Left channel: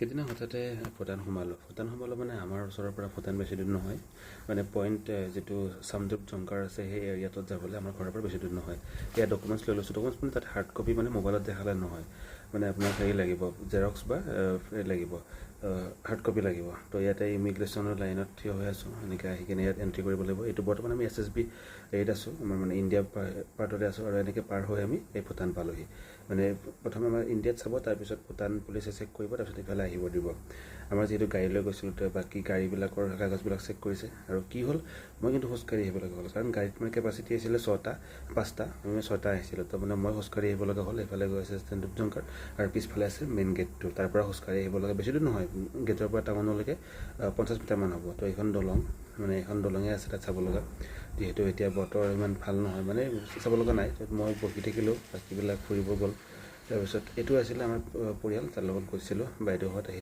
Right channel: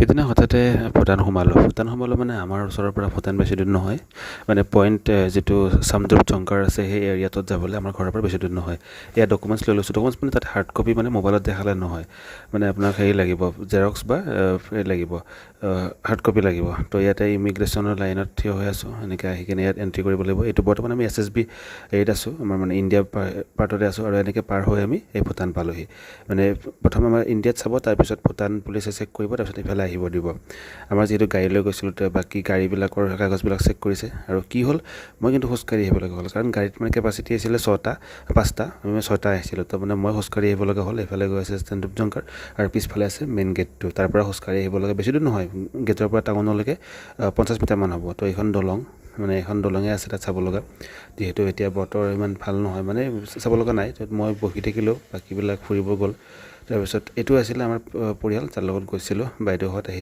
সিদিনা হঠাতে ভূটান সোমালোঁ মানে আমাৰ ওচৰৰ পৰা ভূটান বেছি দূৰ নহয় মানে পইণ্ট যিটো চামদ্ৰপ জংকাৰ আছে সেই এৰিয়াটোত যাবলৈ আমাৰ ঘৰৰ পৰা বেছি দূৰ নহয় এয়া ডকুমেণ্টছ লৈ লৈছোঁ ডকুমেণ্টছ মানে তাত হাৰ্ড কপি মানে মোবাইলত দেখালে নহয় মানে আপোনাক হেৰি লাগিব জেৰক্স বা লাগিব হাৰ্ড কপি লাগিব তো ইয়াতে ইমিগ্ৰেশ্যনৰ লাইনত থিয় হৈ আছোঁ এনেকৈ আহি কিনে ইয়াত এণ্ট্ৰি কৰিব লাগিব এইটো বৰ্তমান আমি SSB হেৰিত আছোঁ আমাৰ মানে ইণ্ডিয়া পাৰ্টতে আছোঁ আৰু এনেকৈ পাৰ হৈ আমি এই ভূটান পালোঁহি মানে প্ৰথমে আমাৰ ইণ্ডিয়াত চাব তাৰপিছত ভূটান পুলিচে চেক কৰিব তাৰপিছত ইফালে আহিব দিব আমাৰ যিহেতু গাড়ী লৈ গৈছিলোঁ বাকী গাড়ীবিলাকৰ কাগজবিলাক চেক কৰিছে আৰু কি হ'ল মই কিন্তু খোজকাঢ়ি আহিব লগা হ'ল কাৰণ গাড়ীত মানে কেপাচিটি আছিলে 5টা আমি 6টা আহিছিলোঁ তো মানে মই খোজকাঢ়ি আহিব লগা হ'ল এইফালে গৈ আছে চামদ্ৰপ জংকাৰ আৰু পিছফালে আছে মেইন গেটটো তাৰ পৰা খোজকাঢ়ি আহিব লগা বেছি দূৰ নহয় গেটৰ পৰা টাউনলৈকে 50 মিটাৰমান হ'ব তো এইখন দলং মানে এখন দলঙে আছে তাত চাব লগা যিহেতু এতিয়া বতৰ ইমান ভাল নহয় মানে চাব লগা নাই তাত মই বহি থাকিলোঁ বাকীবিলাক ফুৰিব গ'ল তাৰপিছত এইটো আছিলে আমাৰ পৰিয়াল যাৰ লগত গৈছিলোঁ বাইদেউহঁত আহি